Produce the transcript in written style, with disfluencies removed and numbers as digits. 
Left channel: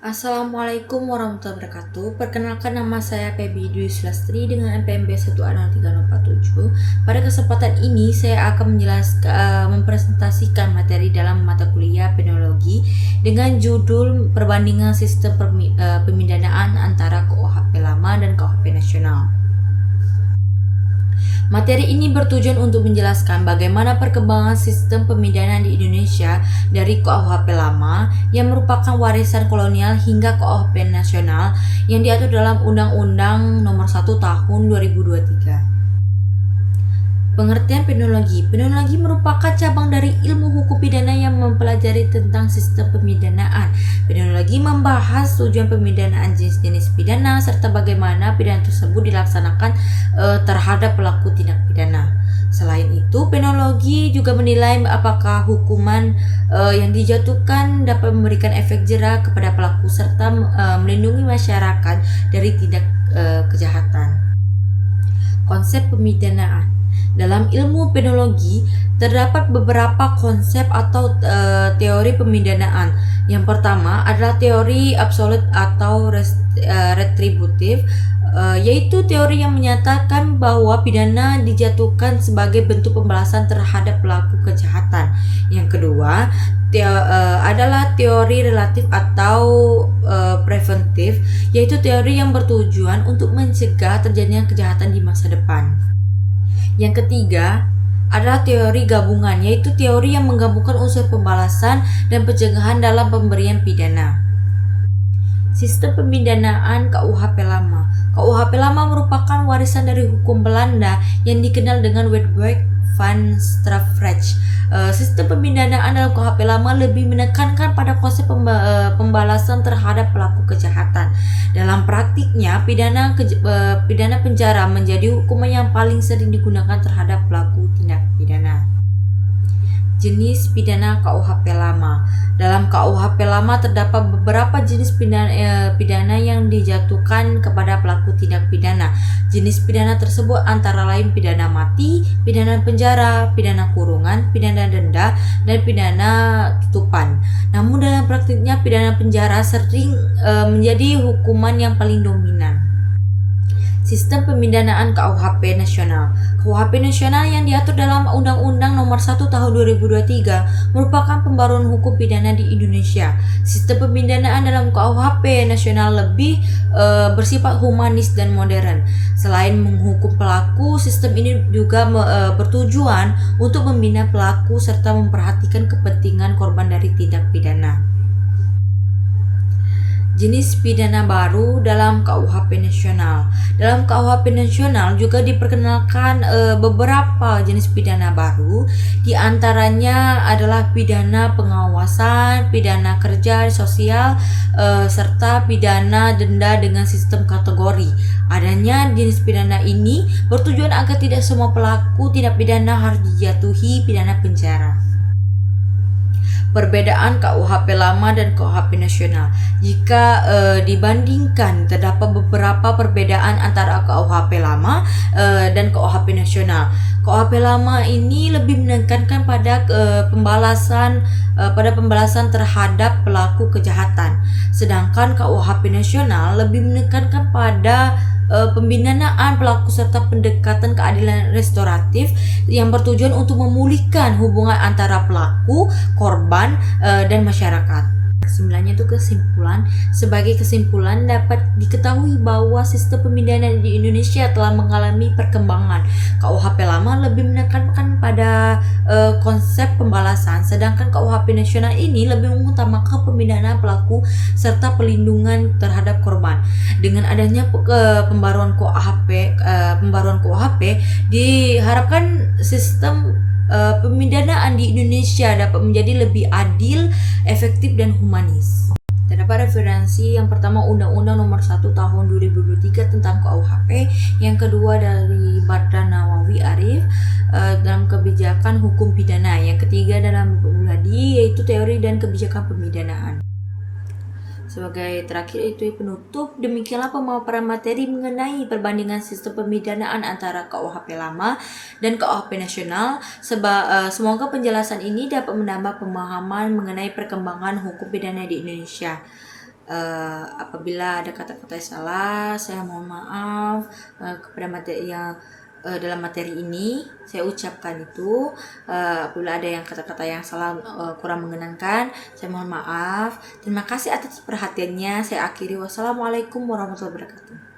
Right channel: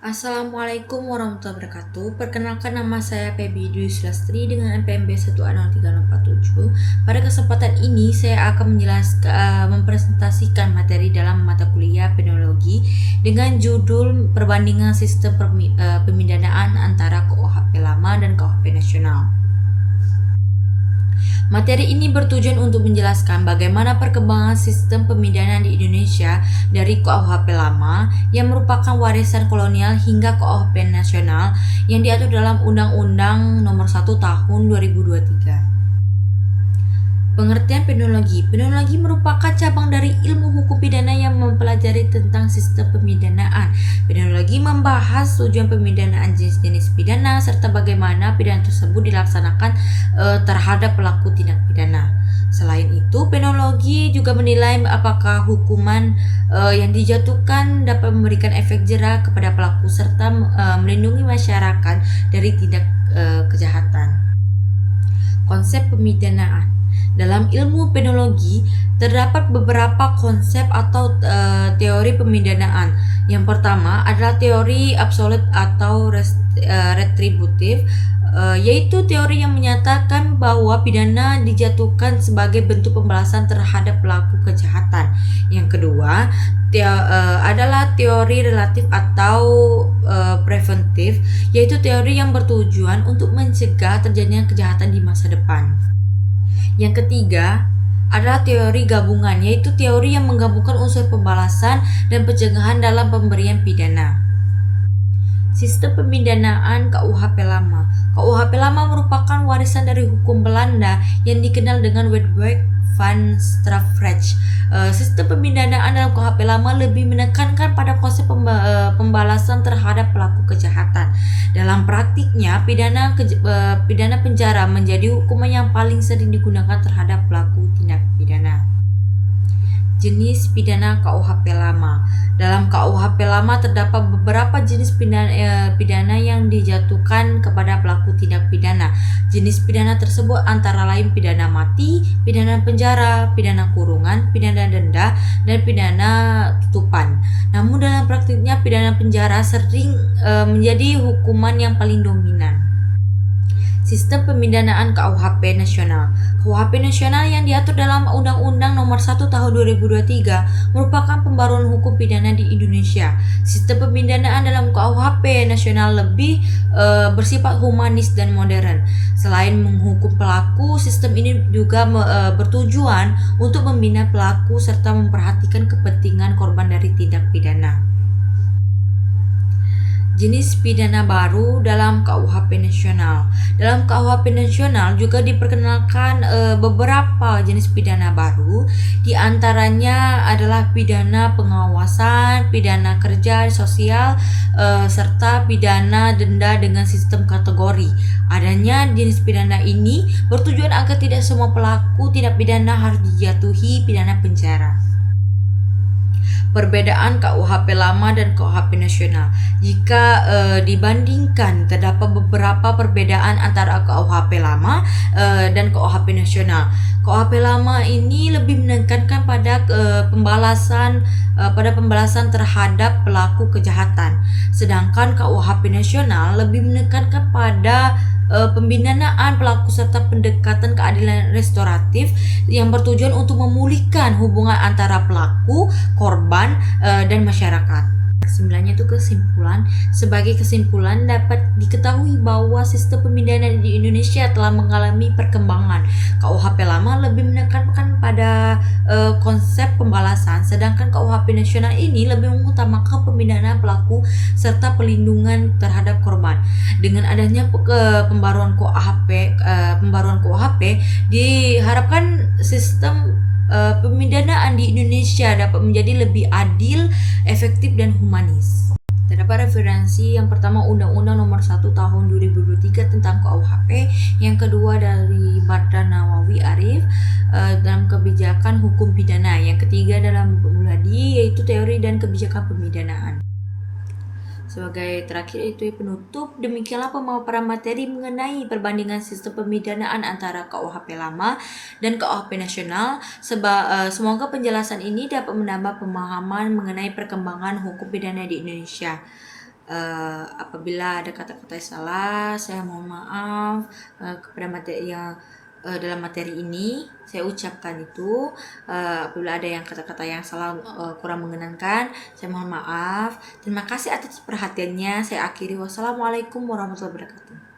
Assalamualaikum warahmatullahi wabarakatuh. Perkenalkan, nama saya Febi Dwi Sulastri dengan NPMB 1A03047. Pada kesempatan ini saya akan mempresentasikan materi dalam mata kuliah penologi dengan judul perbandingan sistem pemidanaan antara KUHP lama dan KUHP nasional. Materi ini bertujuan untuk menjelaskan bagaimana perkembangan sistem pemidanaan di Indonesia dari KUHP lama yang merupakan warisan kolonial hingga KUHP nasional yang diatur dalam Undang-Undang Nomor 1 Tahun 2023. Pengertian penologi. Penologi merupakan cabang dari ilmu hukum pidana yang mempelajari tentang sistem pemidanaan. Penologi membahas tujuan pemidanaan, jenis-jenis pidana, serta bagaimana pidana tersebut dilaksanakan terhadap pelaku tindak pidana. Selain itu, penologi juga menilai apakah hukuman yang dijatuhkan dapat memberikan efek jera kepada pelaku serta melindungi masyarakat dari tindak kejahatan. Konsep pemidanaan. Dalam ilmu penologi terdapat beberapa konsep atau teori pemidanaan. Yang pertama adalah teori absolut atau retributif, yaitu teori yang menyatakan bahwa pidana dijatuhkan sebagai bentuk pembalasan terhadap pelaku kejahatan. Yang kedua adalah teori relatif atau preventif, yaitu teori yang bertujuan untuk mencegah terjadinya kejahatan di masa depan. Yang ketiga adalah teori gabungan, yaitu teori yang menggabungkan unsur pembalasan dan pencegahan dalam pemberian pidana. Sistem pemidanaan KUHP lama. KUHP lama merupakan warisan dari hukum Belanda yang dikenal dengan Wetboek van Strafrecht. Sistem pemidanaan dalam KUHP lama lebih menekankan pada konsep pembalasan terhadap pelaku kejahatan. Dalam praktiknya, pidana penjara menjadi hukuman yang paling sering digunakan terhadap pelaku tindak pidana. Jenis pidana KUHP lama. Dalam KUHP lama terdapat beberapa jenis pidana yang dijatuhkan kepada pelaku tindak pidana. Jenis pidana tersebut antara lain pidana mati, pidana penjara, pidana kurungan, pidana denda, dan pidana tutupan. Namun dalam praktiknya pidana penjara sering menjadi hukuman yang paling dominan. Sistem pemidanaan KUHP nasional. KUHP nasional yang diatur dalam Undang-Undang Nomor 1 Tahun 2023 merupakan pembaruan hukum pidana di Indonesia. Sistem pemidanaan dalam KUHP nasional lebih bersifat humanis dan modern. Selain menghukum pelaku, sistem ini juga bertujuan untuk membina pelaku serta memperhatikan kepentingan korban dari tindak pidana. Jenis pidana baru dalam KUHP nasional. Dalam KUHP nasional juga diperkenalkan beberapa jenis pidana baru. Di antaranya adalah pidana pengawasan, pidana kerja sosial, serta pidana denda dengan sistem kategori. Adanya jenis pidana ini bertujuan agar tidak semua pelaku tindak pidana harus dijatuhi pidana penjara. Perbedaan KUHP lama dan KUHP nasional. Jika dibandingkan, terdapat beberapa perbedaan antara KUHP lama dan KUHP nasional. KUHP lama ini lebih menekankan pada pembalasan terhadap pelaku kejahatan, sedangkan KUHP nasional lebih menekankan pada pembinaan pelaku serta pendekatan keadilan restoratif yang bertujuan untuk memulihkan hubungan antara pelaku, korban, dan masyarakat. Kesimpulannya itu kesimpulan. Sebagai kesimpulan dapat diketahui bahwa sistem pemidanaan di Indonesia telah mengalami perkembangan. KUHP lama lebih menekankan pada konsep pembalasan, sedangkan KUHP nasional ini lebih mengutamakan pemidanaan pelaku serta pelindungan terhadap korban. Dengan adanya pembaruan KUHP diharapkan sistem pemidanaan di Indonesia dapat menjadi lebih adil, efektif, dan humanis. Terdapat referensi yang pertama Undang-Undang Nomor 1 Tahun 2023 tentang KUHP, yang kedua dari Badran Nawawi Arif dalam kebijakan hukum pidana, yang ketiga dalam Muladi yaitu teori dan kebijakan pemidanaan. Sebagai terakhir itu penutup, demikianlah pemaparan materi mengenai perbandingan sistem pemidanaan antara KUHP lama dan KUHP nasional. Semoga penjelasan ini dapat menambah pemahaman mengenai perkembangan hukum pidana di Indonesia. Apabila ada kata-kata yang salah, saya mohon maaf kepada materi yang dalam materi ini saya ucapkan itu. Apabila ada yang kata-kata yang salah kurang mengenangkan, saya mohon maaf. Terima kasih atas perhatiannya. Saya akhiri. Wassalamualaikum warahmatullahi wabarakatuh.